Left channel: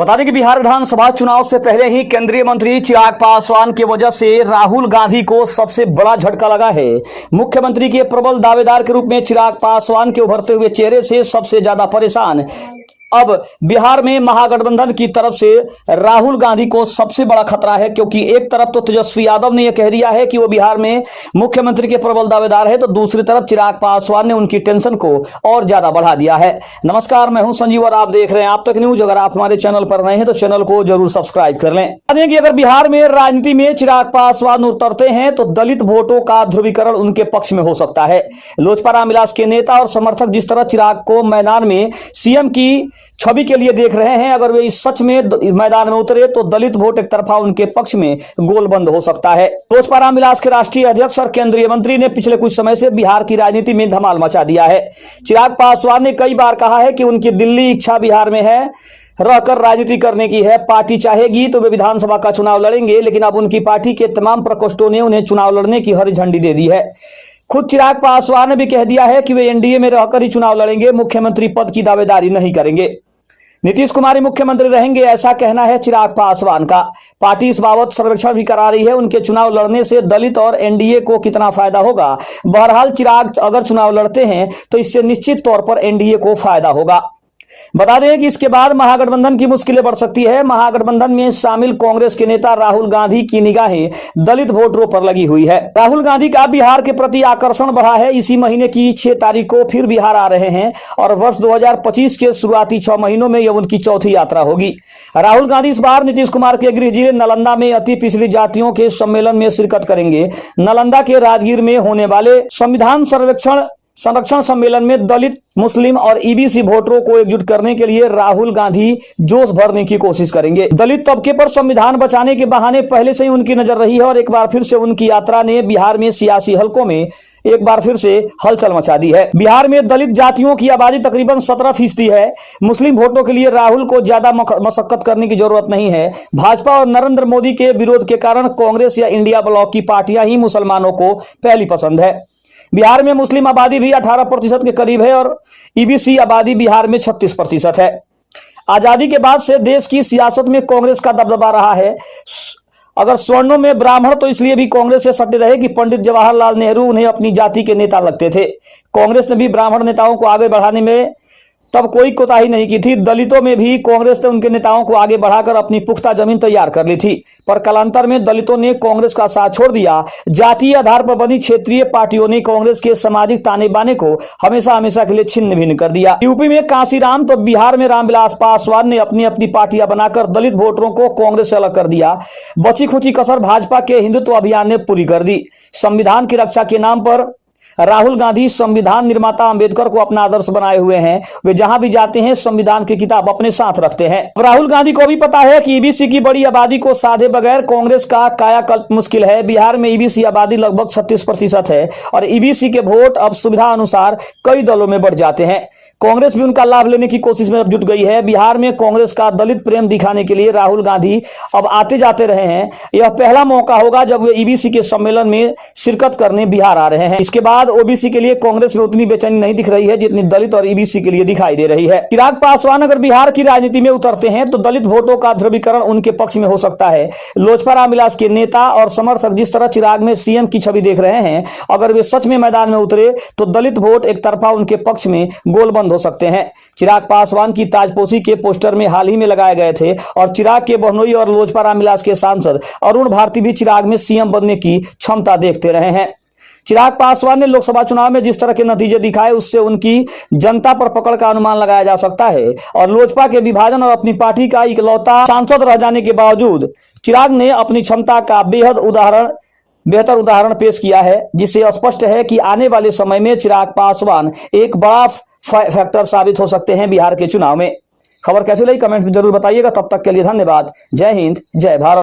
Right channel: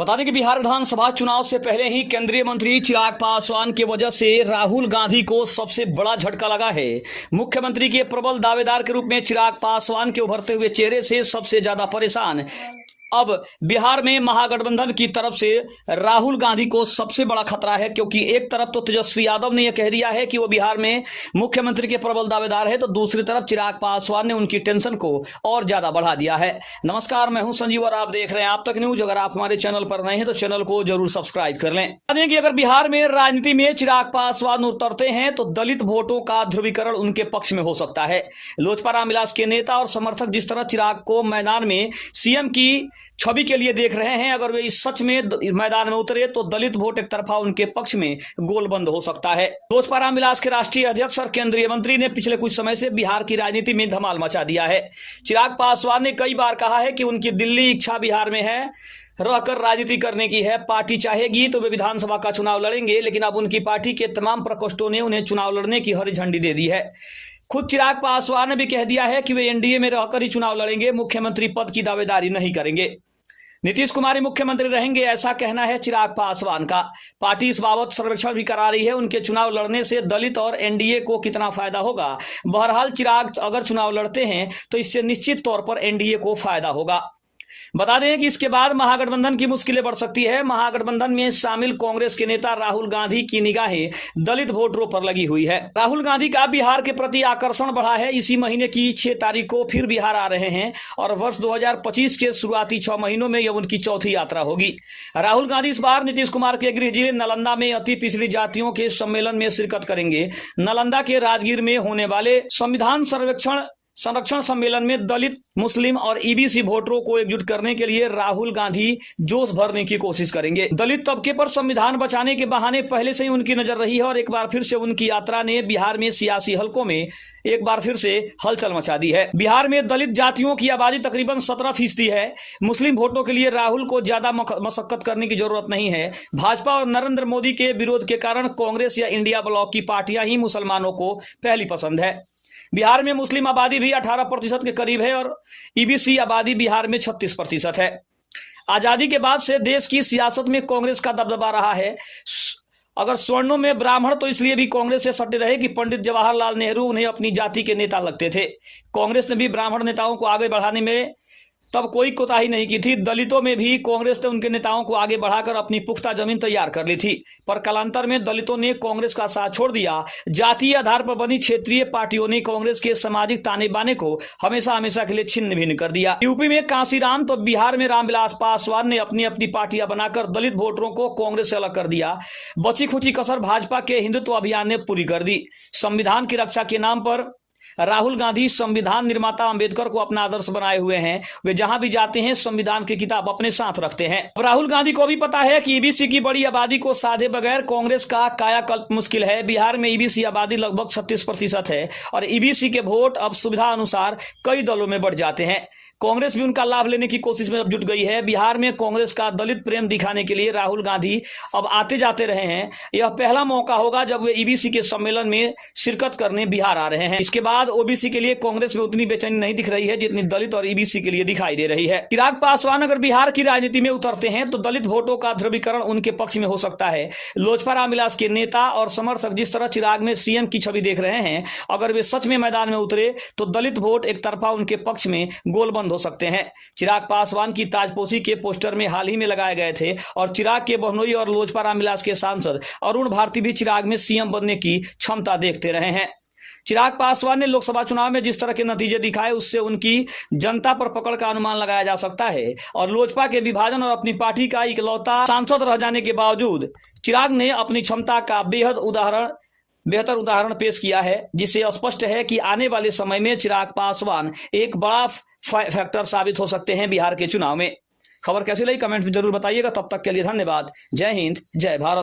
बता दें कि बिहार विधानसभा चुनाव से पहले ही केंद्रीय मंत्री चिराग पासवान की वजह से राहुल गांधी को सबसे बड़ा झटका लगा है। मुख्यमंत्री के प्रबल दावेदार के रूप में चिराग पासवान के उभरते हुए चेहरे से सबसे ज्यादा परेशान अब बिहार में महागठबंधन की तरफ से राहुल गांधी को सबसे बड़ा खतरा है, क्योंकि एक तरफ तो तेजस्वी यादव ने यह कह दिया है कि वो बिहार में मुख्यमंत्री के प्रबल दावेदार है, तो दूसरी तरफ चिराग पासवान ने उनकी टेंशन को और ज्यादा बढ़ा दिया है। नमस्कार, मैं हूं संजीव और आप देख रहे हैं आप तक न्यूज। अगर आप हमारे चैनल पर नए हैं तो चैनल को जरूर सब्सक्राइब कर लें। कि अगर बिहार में राजनीति में चिराग पासवान उतरते हैं तो दलित वोटों का ध्रुवीकरण उनके पक्ष में हो सकता है। लोजपा रामविलास के नेता और समर्थक जिस तरह चिराग को मैदान में सीएम की छवि के लिए देख रहे हैं, अगर वे सच में मैदान में उतरे तो दलित वोट एक तरफा उनके पक्ष में गोलबंद हो सकता है। लोजपा रामविलास के राष्ट्रीय अध्यक्ष और केंद्रीय मंत्री ने पिछले कुछ समय से बिहार की राजनीति में धमाल मचा दिया है। चिराग पासवान ने कई बार कहा है कि उनकी दिल्ली इच्छा बिहार में है, रहकर राजनीति करने की है। पार्टी चाहेगी तो वे विधानसभा का चुनाव लड़ेंगे, लेकिन अब उनकी पार्टी के तमाम प्रकोष्ठों ने उन्हें चुनाव लड़ने की हरी झंडी दे दी है। खुद चिराग पासवान ने भी कह दिया है कि वे एनडीए में रहकर ही चुनाव लड़ेंगे, मुख्यमंत्री पद की दावेदारी नहीं करेंगे। नीतीश कुमार ही मुख्यमंत्री रहेंगे, ऐसा कहना है चिराग पासवान का। पार्टी इस बाबत सर्वेक्षण भी करा रही है। उनके चुनाव लड़ने से दलित और एनडीए को कितना फायदा होगा। बहरहाल चिराग अगर चुनाव लड़ते हैं तो इससे निश्चित तौर पर एनडीए को फायदा होगा। बता दें कि इसके बाद महागठबंधन की मुश्किलें बढ़ सकती है। महागठबंधन में शामिल कांग्रेस के नेता राहुल गांधी की निगाहें दलित वोटरों पर लगी हुई है। राहुल गांधी का बिहार के प्रति आकर्षण बढ़ा है। इसी महीने की 6 तारीख को फिर बिहार आ रहे हैं और वर्ष 2025 के शुरुआती 6 महीनों में यह उनकी चौथी यात्रा होगी। राहुल गांधी इस बार नीतीश कुमार के गृह जिले नालंदा में अति पिछड़ी जातियों के सम्मेलन में शिरकत करेंगे। नालंदा के राजगीर में होने वाले संविधान संरक्षण सम्मेलन में दलित, मुस्लिम और ईबीसी वोटरों को एकजुट करने के लिए राहुल गांधी जोश भरने की कोशिश करेंगे। दलित तबके पर संविधान बचाने के बहाने पहले से ही उनकी नजर रही है और एक बार फिर से उनकी यात्रा ने बिहार में सियासी हलकों में एक बार फिर से हलचल मचा दी है। बिहार में दलित जातियों की आबादी तकरीबन 17% है। मुस्लिम वोटों के लिए राहुल को ज्यादा मशक्कत करने की जरूरत नहीं है। भाजपा और नरेंद्र मोदी के विरोध के कारण कांग्रेस या इंडिया ब्लॉक की पार्टियां ही मुसलमानों को पहली पसंद है। बिहार में मुस्लिम आबादी भी 18% के करीब है और ईबीसी आबादी बिहार में 36% है। आजादी के बाद से देश की सियासत में कांग्रेस का दबदबा रहा है। अगर स्वर्णों में ब्राह्मण तो इसलिए भी कांग्रेस से सटे रहे कि पंडित जवाहरलाल नेहरू उन्हें अपनी जाति के नेता लगते थे। कांग्रेस ने भी ब्राह्मण नेताओं को आगे बढ़ाने में तब कोई कोताही नहीं की थी। दलितों में भी कांग्रेस ने उनके नेताओं को आगे बढ़ाकर अपनी पुख्ता जमीन तैयार कर ली थी, पर कालांतर में दलितों ने कांग्रेस का साथ छोड़ दिया। जातीय आधार पर बनी क्षेत्रीय पार्टियों ने कांग्रेस के सामाजिक ताने बाने को हमेशा हमेशा के लिए छिन्न भिन्न कर दिया। यूपी में कांशीराम तो बिहार में रामविलास पासवान ने अपनी अपनी पार्टियां बनाकर दलित वोटरों को कांग्रेस से अलग कर दिया। बची खुची कसर भाजपा के हिंदुत्व अभियान ने पूरी कर दी। संविधान की रक्षा के नाम पर राहुल गांधी संविधान निर्माता अंबेडकर को अपना आदर्श बनाए हुए हैं। वे जहां भी जाते हैं संविधान की किताब अपने साथ रखते हैं। राहुल गांधी को भी पता है कि ईबीसी की बड़ी आबादी को साधे बगैर कांग्रेस का कायाकल्प मुश्किल है। बिहार में ईबीसी आबादी लगभग 36% है और ईबीसी के वोट अब सुविधा अनुसार कई दलों में बढ़ जाते हैं। कांग्रेस भी उनका लाभ लेने की कोशिश में अब जुट गई है। बिहार में कांग्रेस का दलित प्रेम दिखाने के लिए राहुल गांधी अब आते जाते रहे हैं। यह पहला मौका होगा जब वे ईबीसी के सम्मेलन में शिरकत करने बिहार आ रहे हैं। इसके बाद ओबीसी के लिए कांग्रेस में उतनी बेचैनी नहीं दिख रही है जितनी दलित और ईबीसी के लिए दिखाई दे रही है। चिराग पासवान अगर बिहार की राजनीति में उतरते हैं तो दलित वोटों का ध्रुवीकरण उनके पक्ष में हो सकता है। लोजपा रामविलास के नेता और समर्थक जिस तरह चिराग में सीएम की छवि देख रहे हैं, अगर वे सच में मैदान में उतरे तो दलित वोट एक तरफा उनके पक्ष में गोलबंद हो सकते हैं। चिराग पासवान की ताजपोशी के पोस्टर में हाल ही में लगाए गए थे और चिराग के बहनोई और लोजपा रामविलास के सांसद अरुण भारती भी चिराग में सीएम बनने की क्षमता देखते रहे हैं। चिराग पासवान ने लोकसभा चुनाव में जिस तरह के नतीजे दिखाए उससे उनकी जनता पर पकड़ का अनुमान लगाया जा सकता है और लोजपा के विभाजन और अपनी पार्टी का इकलौता सांसद रह जाने के बावजूद चिराग ने अपनी क्षमता का बेहतर उदाहरण पेश किया है, जिससे स्पष्ट है कि आने वाले समय में चिराग पासवान एक बड़ा फैक्टर साबित हो सकते हैं बिहार के चुनाव में। खबर कैसी लगी कमेंट में जरूर बताइएगा। तब तक के लिए धन्यवाद। जय हिंद, जय भारत।